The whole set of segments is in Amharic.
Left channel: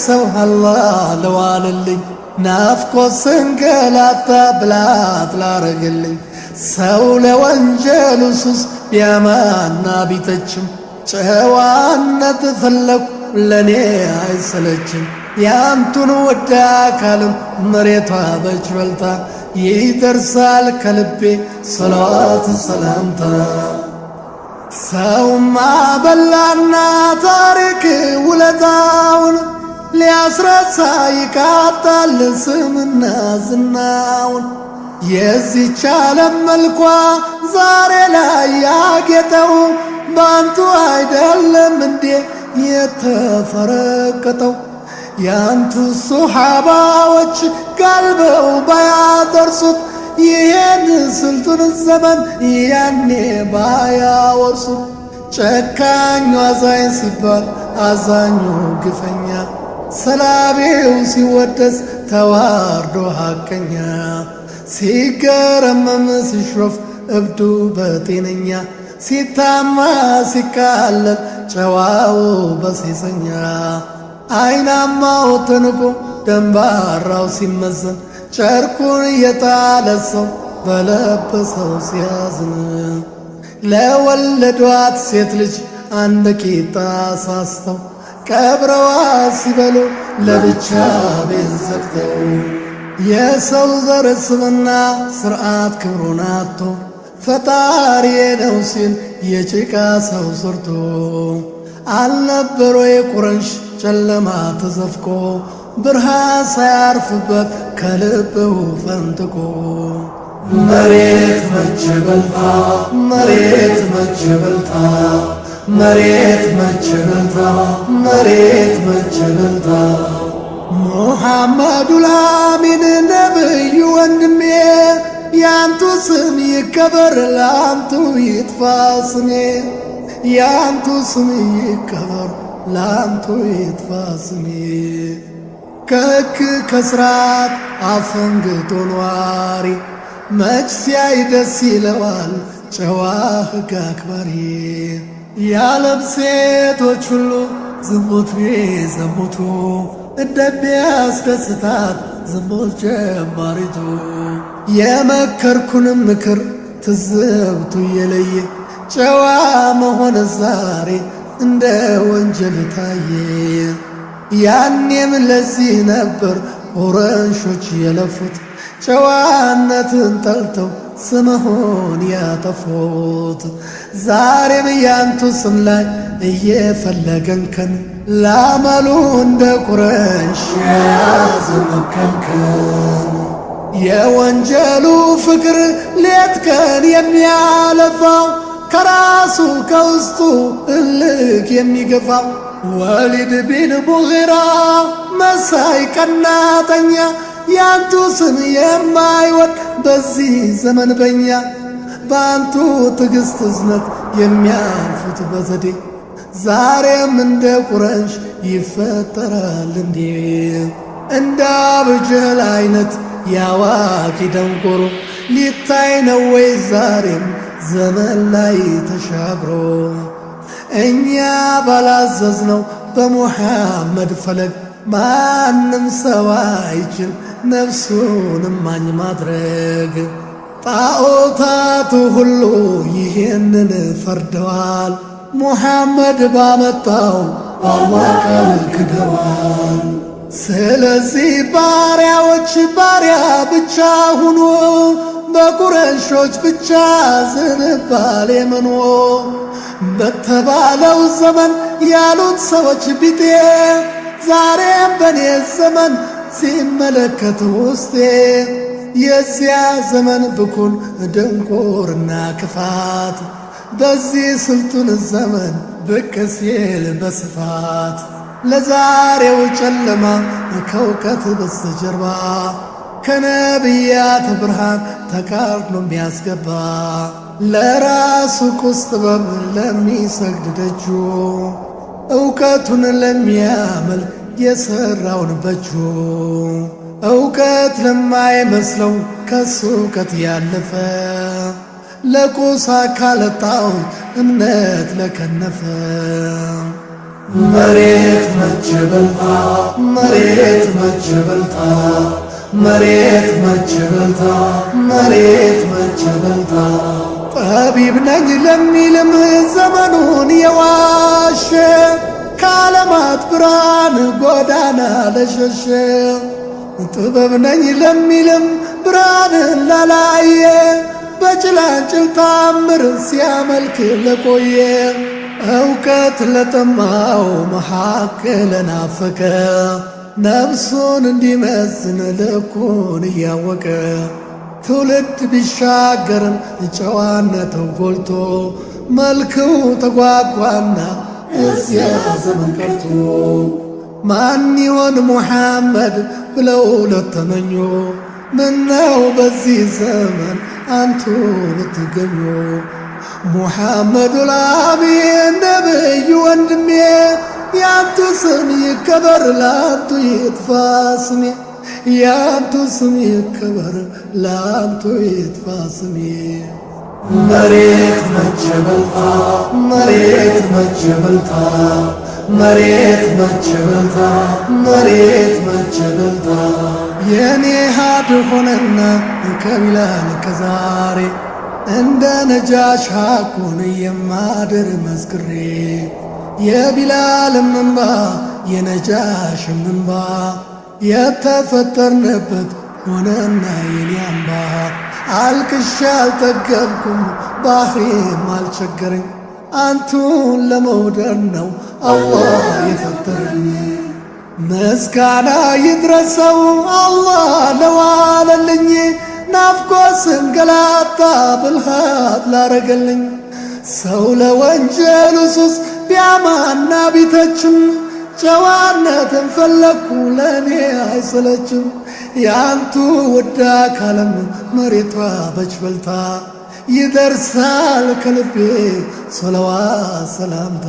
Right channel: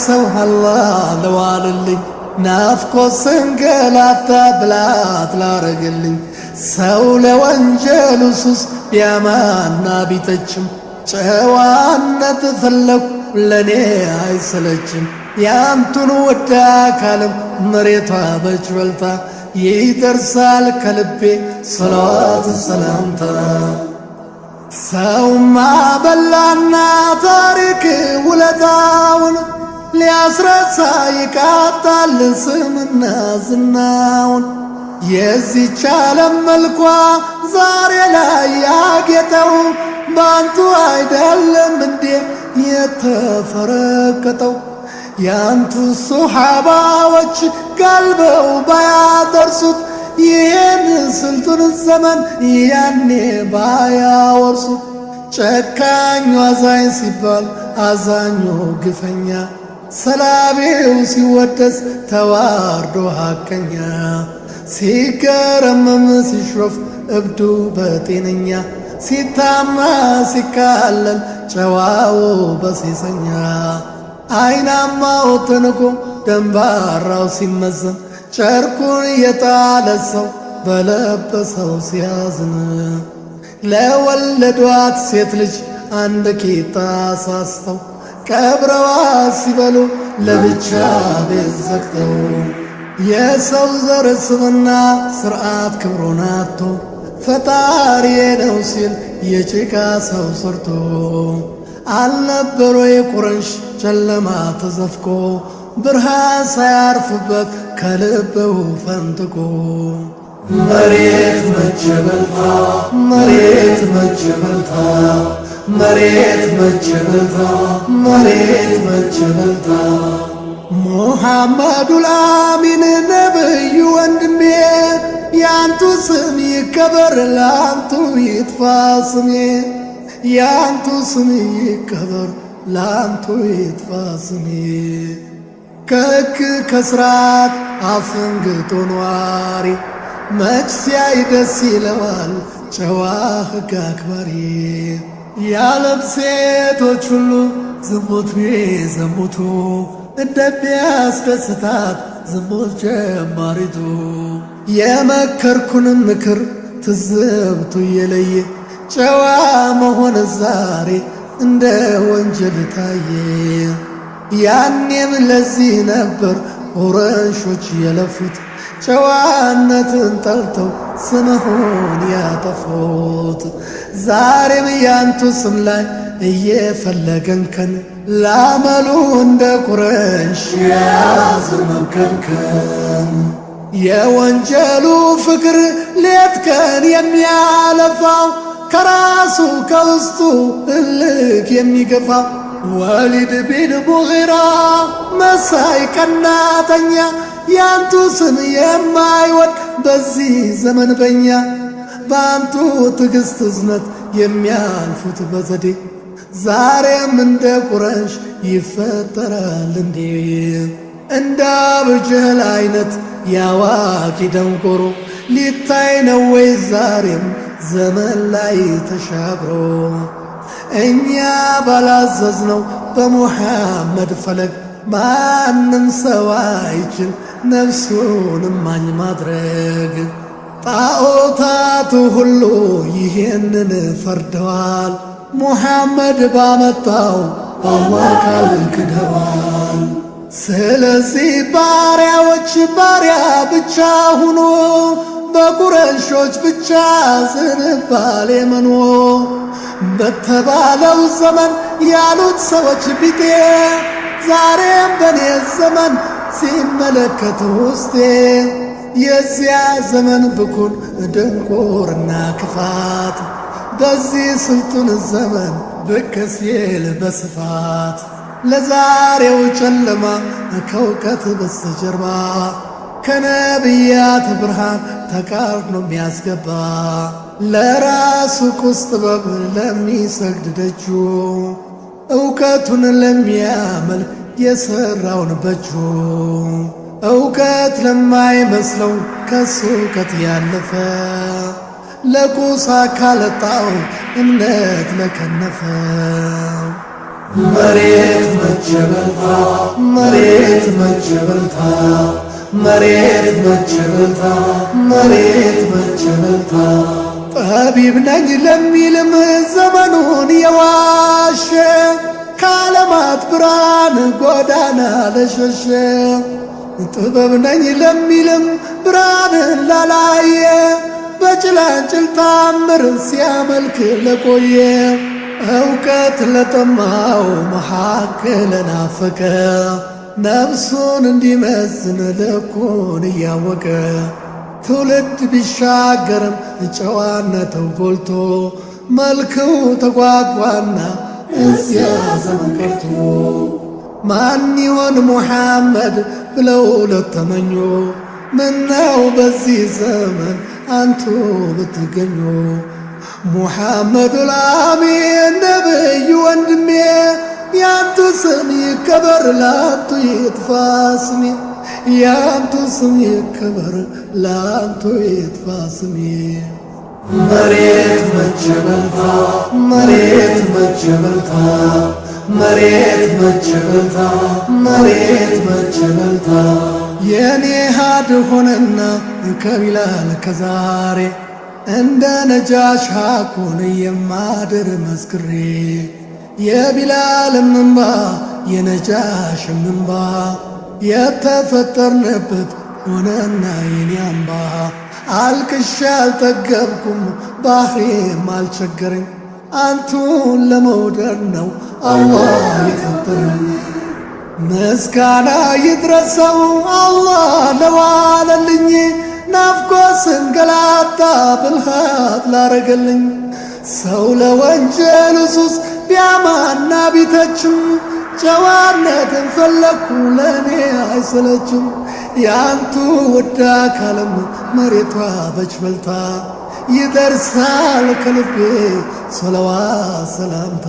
ሰው አላህ ለዋልልኝ ናፍቆት ስንገላታ ብላት ላረግልኝ ሰው ለወንጀሉ ሱስ ቢያማና ቢተችም ጨዋነት ፈለኩ ለኔ አይሰለችም ያንቱን ወዳ አካልም መሬቷ በችበልታ ይደርሳል ከልቤ ሰላዋት ሰላምታ ሰውማ በላና ታሪክ ውለታውን ሊያስረሳ ይቃጣል ስምና ዝናውን የዚህች ዓለም መልኳ ዛሬ ላይ ያጌጠው ባንቱ አይደለም እንዴ የተፈረቀጠው ያንቱ ሱሐባዎች ጋልበው ባያደርሱት ይሄን ስልቱን ዘመን ያኔ ባያወርሱት ጨካኙ አዛኝ ሲባል አዛኙ ግፈኛ ሰላቤው ሲወደስ ተዋርዶ ሐቀኛ ሲገረመም ሲሾፍ እብዱ በጤነኛ ሲታማ ሲካለል ጨዋው በሴሰኛ አይናማው ተንቆ ደንባራው ሲመዘን ጨርቁን የጣለ ሰው በለበሰው ሲያዝን ለወለዷት ሴት ልጅ አንድ ቂጣ ሳስተው ቀብረዋ ሲበሉ ለብቻ ቤት ዘግተው የሰው ዘር ስምና ስርዓት ክብሩን አጥቶ ፈጣሪ ነው ሲል የጭቃ ሰው ሰርቶ አልነበሮ የቁረንሽ ጨለማ ተዘፍቆ ብርሃን ሳያርፍበት ከልብው ፈንጥቆ መሬት መቸበልታ መሬት መቸበልታ መሬት መቸበልታ መሬት መቸበልታ ሙሐመዱል አሚን ነብዩ ወንድሜ ያንቱ ስም ይከበር ላንቱ ይጥፋ ስሜ ያንቱ ስም ይከበር ላንቱ ይጥፋ ስሜ ከሕግ ከስርዓት አፈንግጦ ኗሪ መች ሲያይ ደስ ይለዋል ጨዋ ሕግ አክባሪ የዓለም ሴቶች ሁሉ ዝሙት ቢዘሙቱ እንደሚያስደስታት ዝሙት ጀማሪቱ የመከርኩንም ምክር ትዝብቱ የለየ ጨዋ መሆን ዛሬ እንደ ወንጀል ታየ ያኔም ለዚህ ነበር ቁረንሾች የለፉት ጨዋነትን ጠልተው ስምሆን ያጠፉት ዛሬም ያንቱ ስም ላይ እየፈለገንከን ላመሉ እንደ ቁረንሽ የያዘ መብከንከን የወንጀሉ ፍቅር ሌት ቀን የሚያለፋው ከራሱ ከውስጡ እልክ የሚገፋው ወሊድ ቢን ሙጊራ መሳይ ቀናተኛ ያንቱ ስም የማይወድ በዚህ ዘመን በኛ በአንቱ ትዕግሥት እዝነት የሚያልፉት በዘዴ ዛሬም እንደ ቁረንሽ ይፈጠራል እንዴ እንደ አቡጀህል አይነት ያዋቂ ደንቆሮ ሊታይ ነው ወይ ዛሬም ዘመን ላይ ተሻግሮ እኛ ባላዘዝነው በሙሐመድ ፈለግ ማንም ሰው አይችል ነፍሱን ማኝ ማድረግ ጣዖታቱ ሁሉ ይሄንን ፈርደዋል ሙሐመድ ባመጣው አላህ ቃል ክደዋል ስለዚህ ባሪያዎች ባሪያ ብቻ ሁኑ በቁረንሾች ብቻ ዝንባሌ መኖ በተባለው ዘመን ያሉት ሰዎች ቢጤ ዛሬም በኔ ዘመን ሲመለከት ውስጤ የዚያ ዘመን ብኩን ድንቁርና ክፋት በዚህ ስልጡን ዘመን ብቅ ሲል በስፋት ለዛሬው ጨለማ ከእውቀት በስተጀርባ ከነቢያት ብርሃን ተቃርኖ የሚያስገባ ለራሱ ቁስ ጥበብ ለሚሰግድ ደጁ እውቀቱን ለሚያመልክ የሰራውን በጁ እውቀት ለማይመስለው ከሱ እውቀት ያለፈ ለቁስ አካል ጣዖት እምነት ለከነፈ መሬት መቼ በልታ መሬት መቼ በልታ መሬት መቼ በልታ መሬት መቼ በልታ ጠቢብ ነኝ ለሚልም ዘመኑን የዋሸ ከዓለማት ብርሃን ጎዳና ለሸሸ ጥበብ ነኝ ለሚልም ብርሃንን ላላየ በጭላንጭል ታምር ሲያመልክ ለቆየ እውቀት ለጠማው መሐከል ናፈቀ ነፍሱን እንዲመዝን ልኩን እያወቀ ትውልድ ቢሻገርም ጨዋነቱ ጎልቶ መልክው ተጓጓና እዚያ ዘመን ቀርቶ ማን ይሆን ሙሐመድ ብለው ለተመኙ ምነው በዚህ ዘመን አንቱ ብትገኙ ሙሐመዱል አሚን ነብዩ ወንድሜ ያንቱ ስም ይከበር ላንቱ ይጥፋ ስሜ ያንቱ ስም ይከበር ላንቱ ይጥፋ ስሜ መሬት መቼ በልታ መሬት መቼ በልታ መሬት መቼ በልታ መሬት መቼ በልታ የኔ ሃድ ሆነና ከቢላል ከዛሬ እንደ ነጃሽ ሐቁን የማድር መስክሬ የቢላልም እንባ የነጃሽም እንባ የተፈጠርንበት ሆነና የኔ አምባ አልቅሻ አልጠገብኩም ባህሬም አልቸገረኝ አንቱን ለመውደድ ነው አላህ የፈጠረኝ ምስጋና ይድረሰው አላህ ለዋለልኝ ናፍቆት ስንገላታ ብልሃት ላረገልኝ ሰው ለወንጀሉ ሱስ ቢያማና ቢተችም ጨዋነትን ፈለግኩ ለእኔ አይሰለችም ያንቱ ውድ አካልም መሬቷ በች በልታ ይደርሳል ከልቤ ሰለዋት ሰላምታ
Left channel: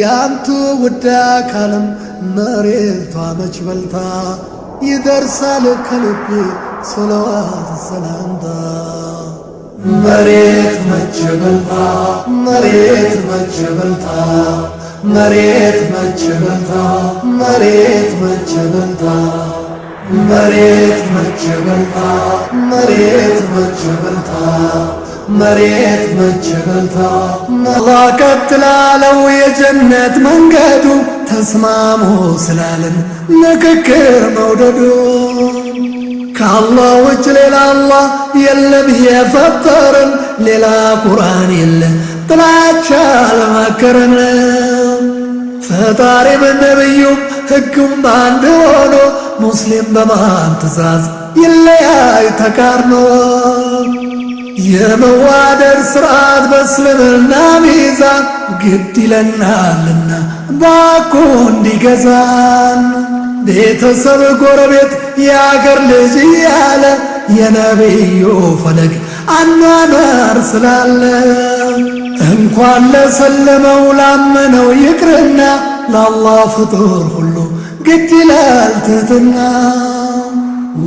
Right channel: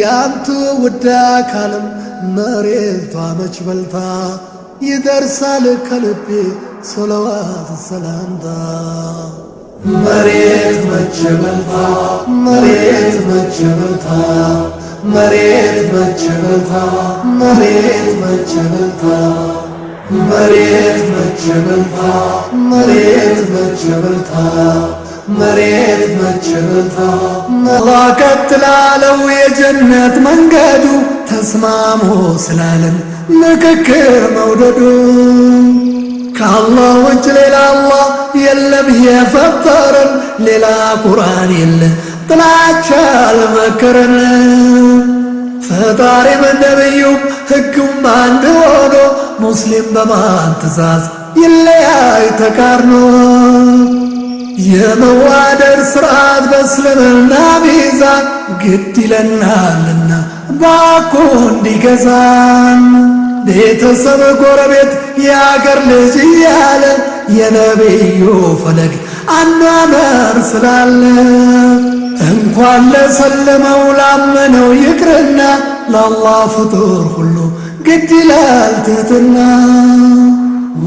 ያንቱ ውድ አካልም መሬቷ መች በልታ ይደርሳል ከልቤ ሰለዋት ሰላምታ መሬት መቼ በልታ መሬት መቼ በልታ መሬት መቼ በልታ መሬት መቼ በልታ መሬት መቼ በልታ መሬት መቼ በልታ መሬት መቼ በልታ አላህ ቀጥ ላለው የጀነት መንገዱ ተስማሙ ስላለን ምክክር መውደዱ ከአላህ ውጭ ሌላ አላህ የለም የፈጠረን ሌላ ቁርአን የለ ጥላቻ አልመከረን ፈጣሪም ነብዩም ሕጉም አንድ ሆኖ ሙስሊም በማን ትእዛዝ ይለያይ ተቃርኖ የመዋደር ስርዓት በእስልምና ሚዛን ግድ ይለናልና ባኮ እንዲገዛን ቤተሰብ ጎረቤት የአገር ልጅ እያለ የነቢዩ ፈለግ አኗኗር ስላለ እንኳን ለሰለመው ላመነው ይቅርና ለአላህ ፍጡር ሁሉ ግድ ይላል ትህትና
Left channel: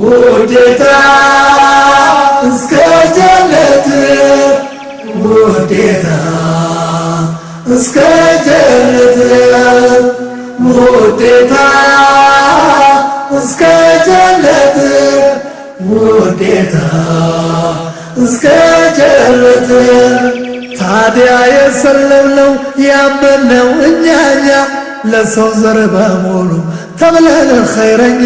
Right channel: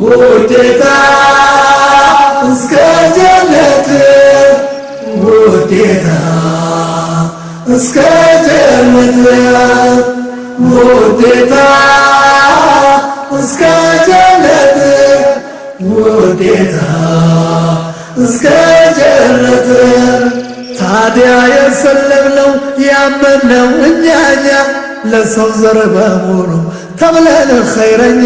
ውዴታ እስከ ጀነት ውዴታ እስከ ጀነት ውዴታ እስከ ጀነት ውዴታ እስከ ጀነት ታዲያ የሰለምነው ያመነው እኛኛ ለሰው ዘር በሙሉ ተብለን ኸይረኛ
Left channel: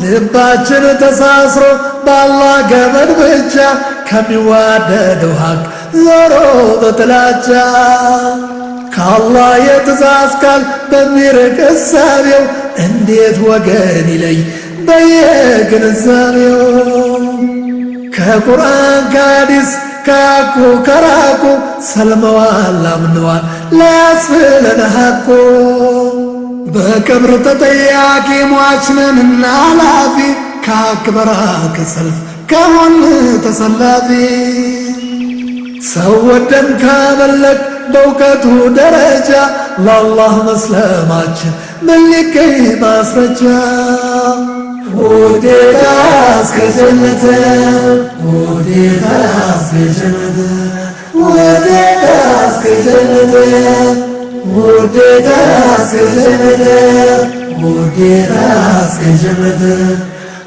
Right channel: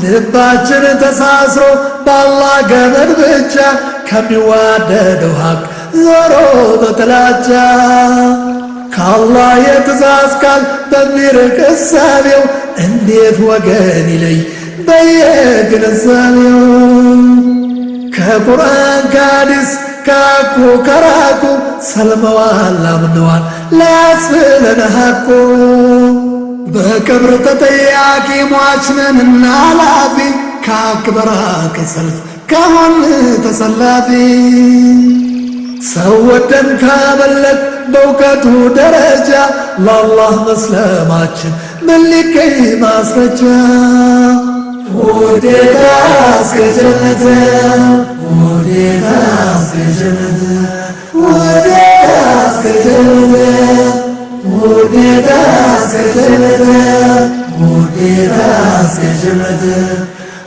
ልባችን ተሳስሮ በአላህ ገመድ ብቻ ከሚዋደደው ሐቅ ዞሮ በጥላቻ ከአላህ የትእዛዝ ቃል በሚርቅ እሳቤው እንዴት ወገን ይለይ በየግንዛቤው ከቁርአን ከሐዲስ ካኩ ከራቁ ሰልመዋል አምነዋል ላያስብለን ሐቁ በቀብር ተጠያቂ ሟችነንና ላፊ ከአክበራ ከሰልፍ ከሆን ተሰላፊ ሰው ወደን ካመለክ በእውቀቱ ደረጃ ለአላህ መስለማችን ምን ሊገኝ ማስረጃ ውዴታ እስከ ጀነት ውዴታ እስከ ጀነት ውዴታ እስከ ጀነት ውዴታ እስከ ጀነት ውዴታ እስከ ጀነት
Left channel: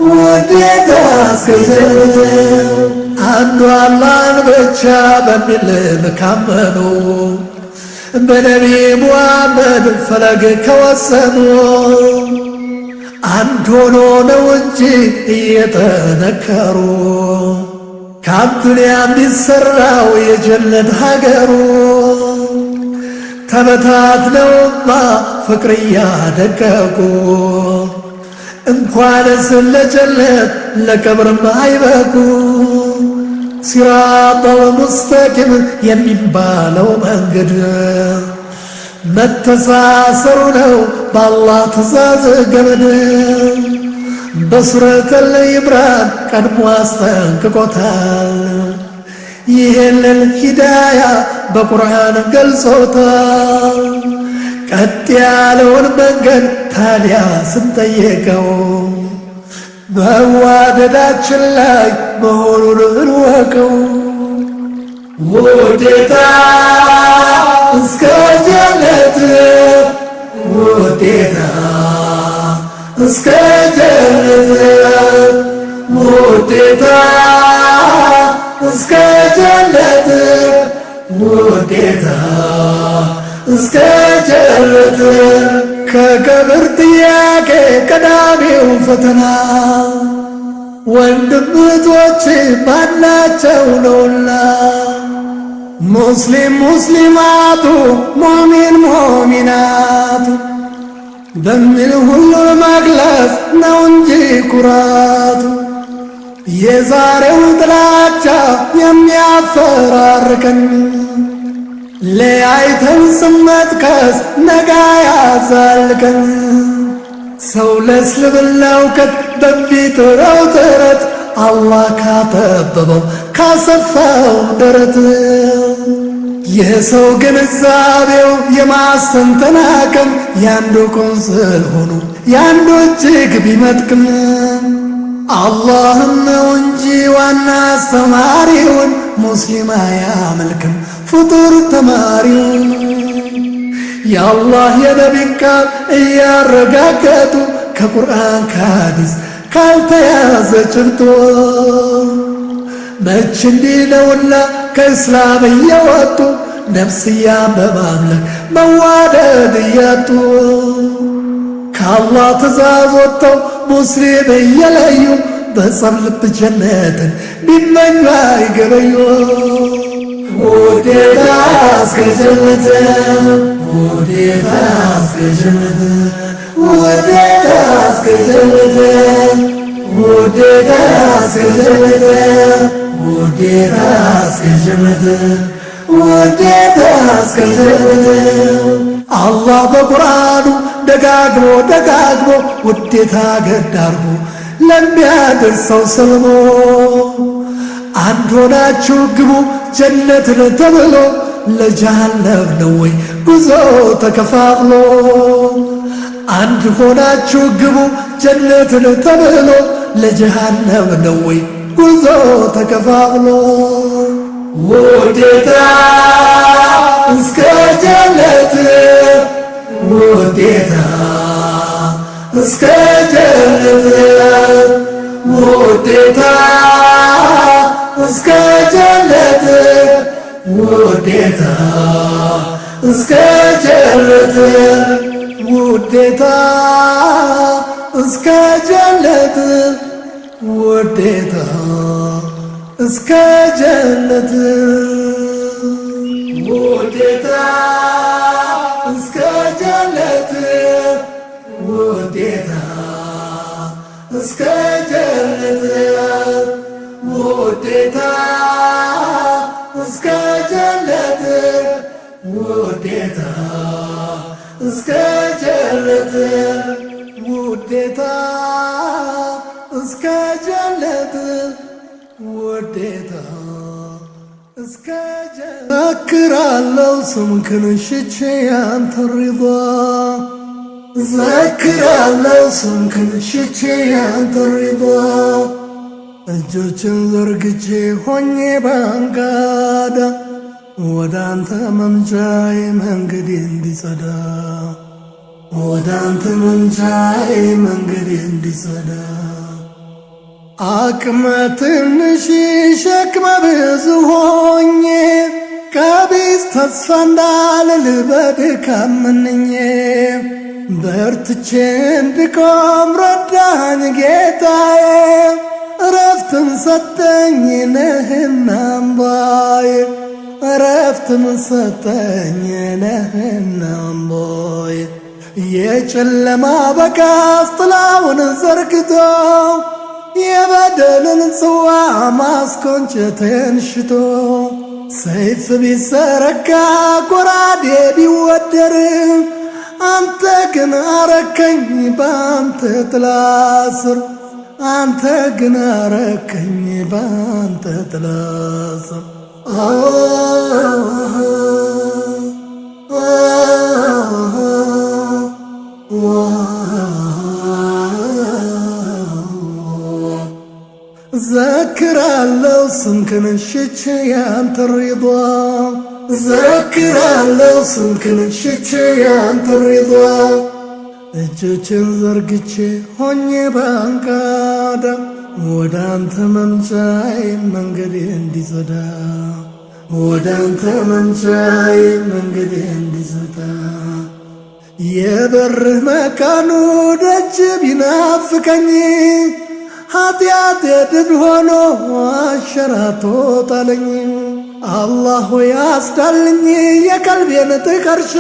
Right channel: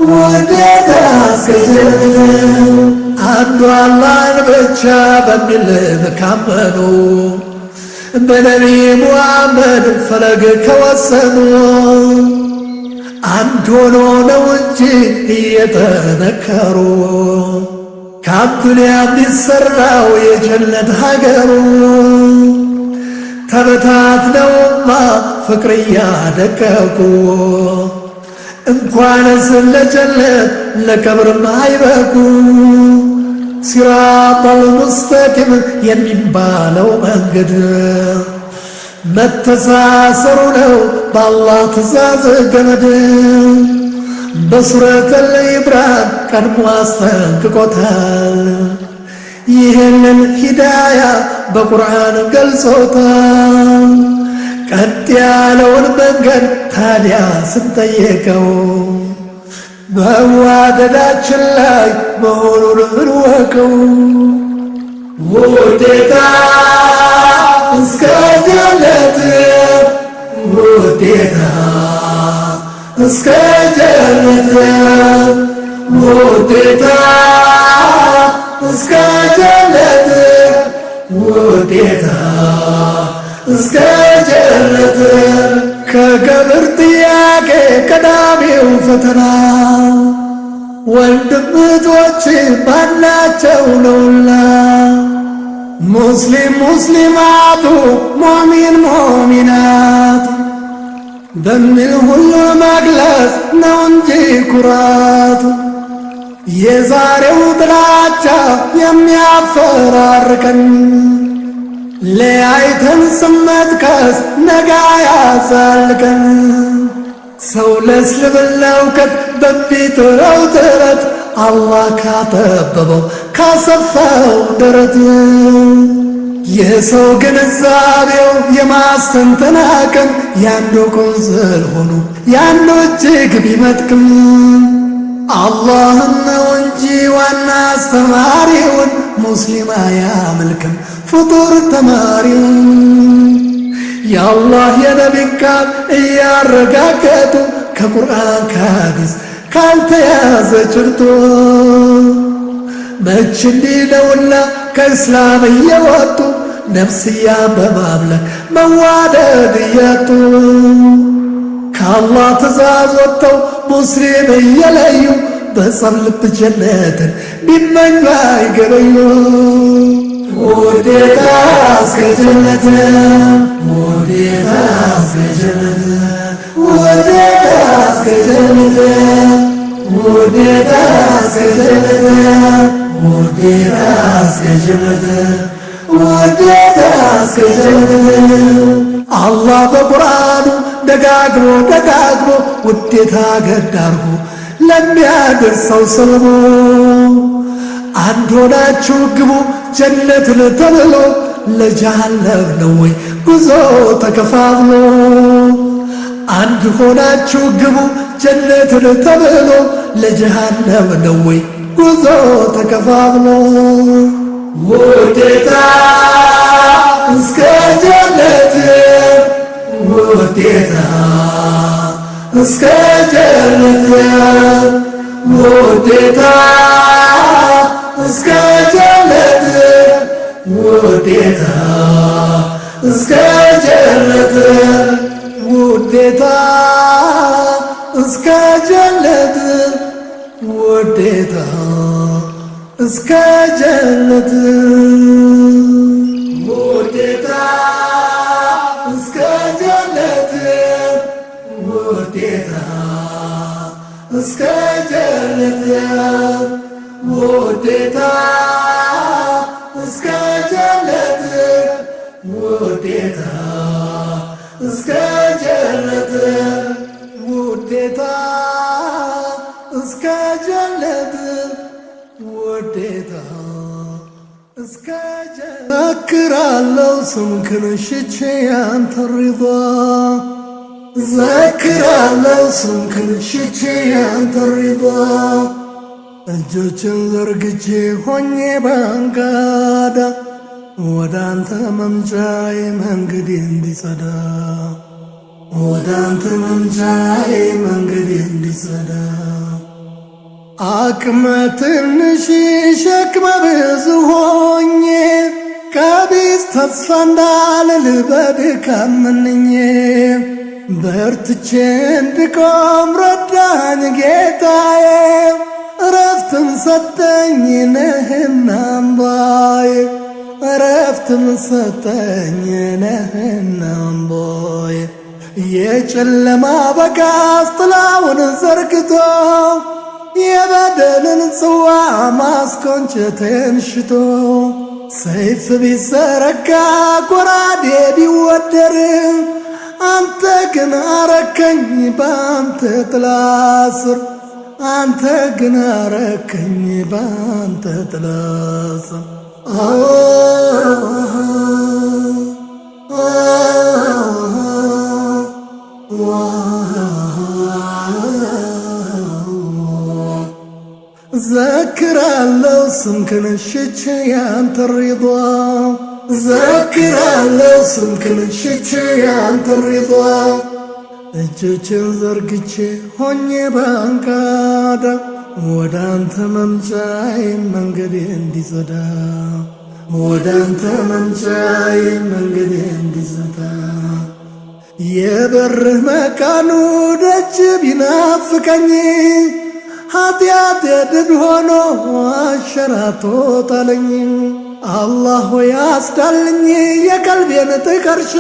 ውዴታ እስከ ጀነት አንዱ አላህን ብቻ በሚል ካመኑ በነቢ ሙሐመድ ፈለግ ከወሰኑ አንድ ሆኖ ነው እንጂ እየጠነከሩ ከአዱንያ የሚሠራው የጀነት ሀገሩ ተበታትነውማ ፍቅር እያደቀቁ እንኳንስ ለጀነት ለቀብርም አይበቁ ሲራጠል ሙስተቂም የሚባለው መንገድ መተሳሰሩ ነው በአላህ ትእዛዝ ገመድ በሱረቱል ኢምራን ቀድሞ አስጠንቅቆታል ይህንን ሂዳያ በቁርአን ገልጾታል ቀጥ ያለውን መንገድ ታዲያ ስንጠየቀው በዋደዳችን ላይ መሆኑን እንወቀው ውዴታ እስከ ጀነት ውዴታ እስከ ጀነት ውዴታ እስከ ጀነት ውዴታ እስከ ጀነት ከቀብር ጥያቄ ቀዳሚው ፈተና ወንድም እህቶች ባላቸው ነውና ሙስሊም ሙስሊማቱ ሙእሚን ሙእሚናቱ በሚል ሁሉን መግለጽ ነው እንጂ ኩራቱ የዛሬው ጥላቻ የሚያፈራርቀን ለያይተን ስመጥቀስ ነጋ ያዛልቀን ሰው ለእስልምና እውቀት በሚጥረው ጥረት አላህ ካጠበበው ካሰፋው ደረት የሰው ግንዛቤው የማስተንተን አቅም ያንዱ ቆንጽል ሆኖ ያንዱ እጅግ ቢመጥቅም አላህን ነው እንጂ ዋና አስተማሪውን ሙስሊም አያመልክም ፍጡር ተማሪውን የአላህ የነቢን ቃል እያረጋገጡ ከቁርአን ከሐዲስ ካልተያዘ ጭብጦ መች እንዲህ ነውና ከእስላም እየወጡ ነፍስያን በማምለክ መዋደድ እያጡ ከአላህ ትእዛዝ ወጥተው ሙስሊም እየለዩ በጸብ ልብ ጀነትን ቢመኙ አይገበዩ ውዴታ እስከ ጀነት ውዴታ እስከ ጀነት ውዴታ እስከ ጀነት ውዴታ እስከ ጀነት ውዴታ እስከ ጀነት ውዴታ እስከ ጀነት አላህ በቁርአኑ ደጋግሞ ደጋግሞ ውዴታ ገድ አርጎ ለሚያደርሰው ሰልሞ አንድ ሆናችሁ ግቡ ጀነትን ተብሎ ለጀሃነም ነው ወይ ጉዞ ተከፋፍሎ አንድ ሆናችሁ ግቡ ጀነትን ተብሎ ለጀሃነም ነው ወይ ጉዞ ተከፋፍሎ ውዴታ እስከ ጀነት ውዴታ እስከ ጀነት ውዴታ እስከ ጀነት ውዴታ እስከ ጀነት ውዴታ እስከ ጀነት ውዴታ እስከ ጀነት ውዴታ እስከ ጀነት ውዴታ እስከ ጀነት ውዴታ እስከ ጀነት ውዴታ እስከ ጀነት ውዴታ እስከ ጀነት ውዴታ እስከ ጀነት ዘክራለው ስምክን ሽቼ ያንተን ሪዷ ዘክራለው ስምክን ሽቼ ያንተን ሪዷ እጆችን ዘርግቼ ሆኜ ባንጋዳ ወዳንተ መምጫዬ መንገዴ እንዲጸዳ ወዳንተ መምጫዬ መንገዴ እንዲጸዳ አቅመ ትንሽ ሸክመ ብዙ ሆኜ ቀቢስ ተስፋ እንዳልል በድካም መንኜ በርትቼ እንድቆም ረዳኝ ጌታዬ እረፍትም ሰጠኝ ነህና አምባዬ እረፍትም ሰጠኝ ነህና አምባዬ የጨለማ በጋዝ ጥላውን ዘርግቶ የበደልን ጽዋ ማስኮንጨቴን ሽቶ ሰይፍ ቢዘረጋ ጎራዴ ቢወደር አንተ ግን አረከኝ በአንተ ጥላ ስር አንተ ግን አረከኝ በአንተ ጥላ ስር ዘክራለው ስምክን ሽቼ ያንተ ሪዷ ዘክራለው ስምክን ሽቼ ያንተ ሪዷ እጆችን ዘርግቼ ሆኜ ባንቃዳ ወዳንተ መምጫዬ መንገዴ እንዲጸዳ ወዳንተ መምጫዬ መንገዴ እንዲጸዳ የበርህ መቃኑ ደጅ ቢናፍቀኝ ኃጢአቴ ድል ሆኖ አሸራቶ ጣለኝ አላህ ሆይ አስዳልኝ የቀልቤን ጥቀርሻ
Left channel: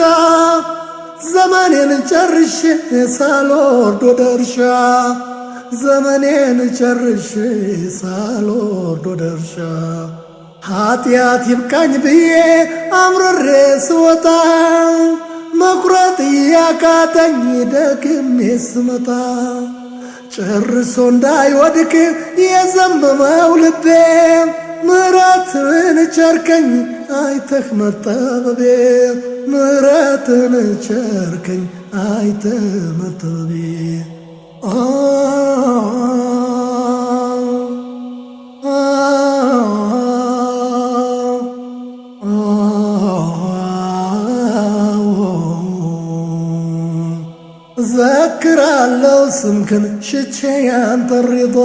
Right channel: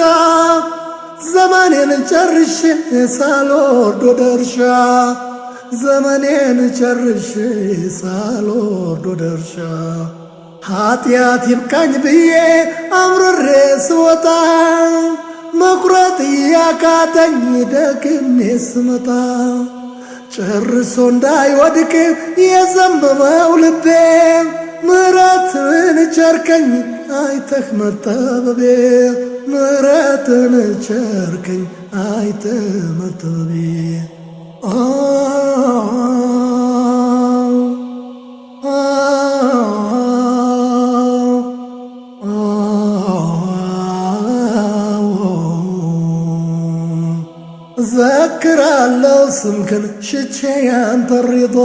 ዘመኔን ጨርሼ ሳልወርድ ወደ እርሻ ዘመኔን ጨርሼ ሳልወርድ ወደ እርሻ ኃጢአት ይብቃኝ ብዬ አምርሬ ስወጣ መቁረጥ ያቃተኝ ደግሜ ስመጣ ጨርሶ እንዳይወድቅ የዘመመው ልቤ ምሕረትን ቸርከኝ አይተህ መጠበቤ ምሕረትን ቸርከኝ አይተህ መጠበቤ ዘክራለው ስምክን ሽቼ ያንተ ሪዷ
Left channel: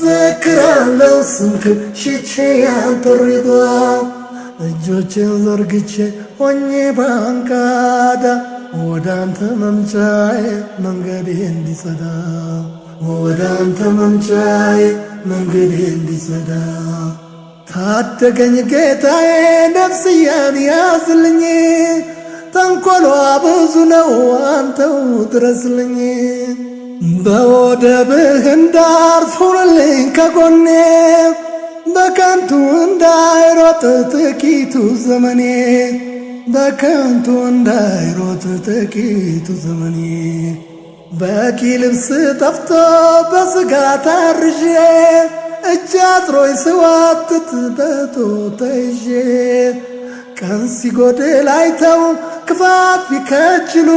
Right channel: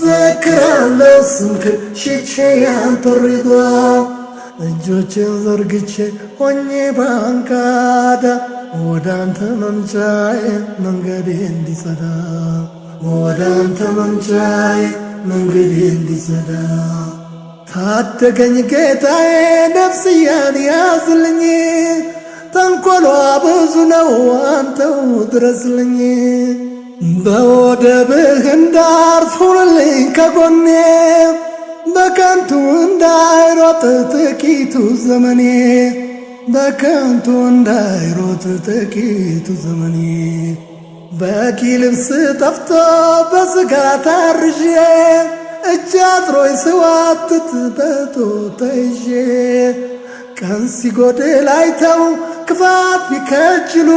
ዘክራለው ስምክን ሽቼ ያንተ ሪዷ እጆችን ዘርግቼ ሆኜ ባንቃዳ ወዳንተ መምጫዬ መንገዴ እንዲጸዳ ወዳንተ መምጫዬ መንገዴ እንዲጸዳ ታደገኝ ጌታዬ ነፍስያን ያዝልኝ ተንኰሏ ብዙ ነው አንተው ድረስልኝ በወደብህ እንዳርፍ ሁንልኝ ከጎኔ በከንቱ እንዳይሮጥ ጥቂቱ ዘመኔ በከንቱ እንዳይሮጥ ጥቂቱ ዘመኔ በቂ ልብስ ጠፍቶ በሥጋ ታርዤ እጅ አጥሮኝ ስዋትት በጦር ተይዤ ቀን ሲጎድል አይተው ክፋት ቢከጅሉ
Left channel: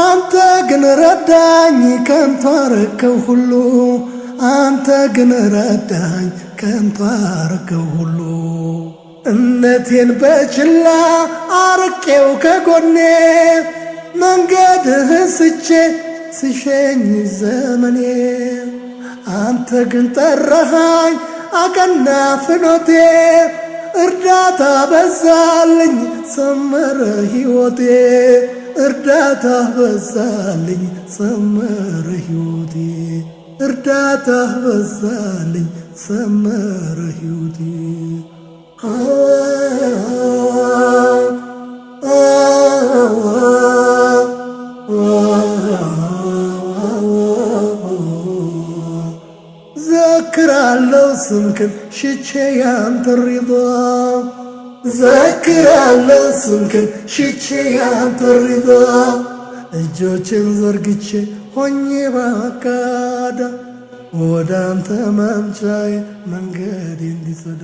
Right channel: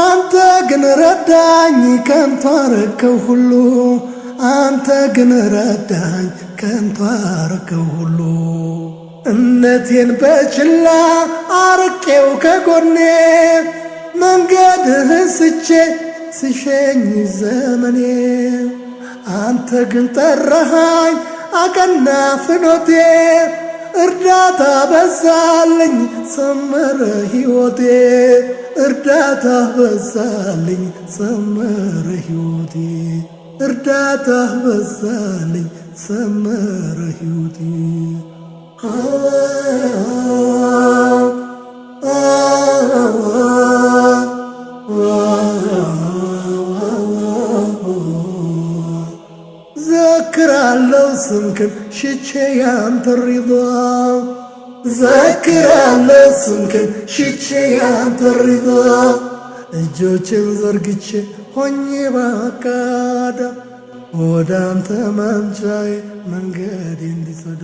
አንተ ግን ረዳኝ ከንቱ አረከው ሁሉ አንተ ግን ረዳኝ ከንቱ አረከው ሁሉ እምነቴን በችላ አርቄው ከጎኔ መንገድህ ስቼ ስሸኝ ዘመኔ አንተ ግን ጠራሃኝ አቀና ፍኖቴ እርዳታ በዛልኝ ሰመረ ሕይወቴ እርዳታ በዛልኝ ሰመረ ሕይወቴ እርዳታ በዛልኝ ሰመረ ሕይወቴ ዘክራለው ስምክን ሽቼ ያንተ ሪዷ ዘክራለው ስምክን ሽቼ ያንተ ሪዷ እጆችን ዘርግቼ ሆኜ ባንቃዳ ወዳንተ መምጫዬ መንገዴ እንዲጸዳ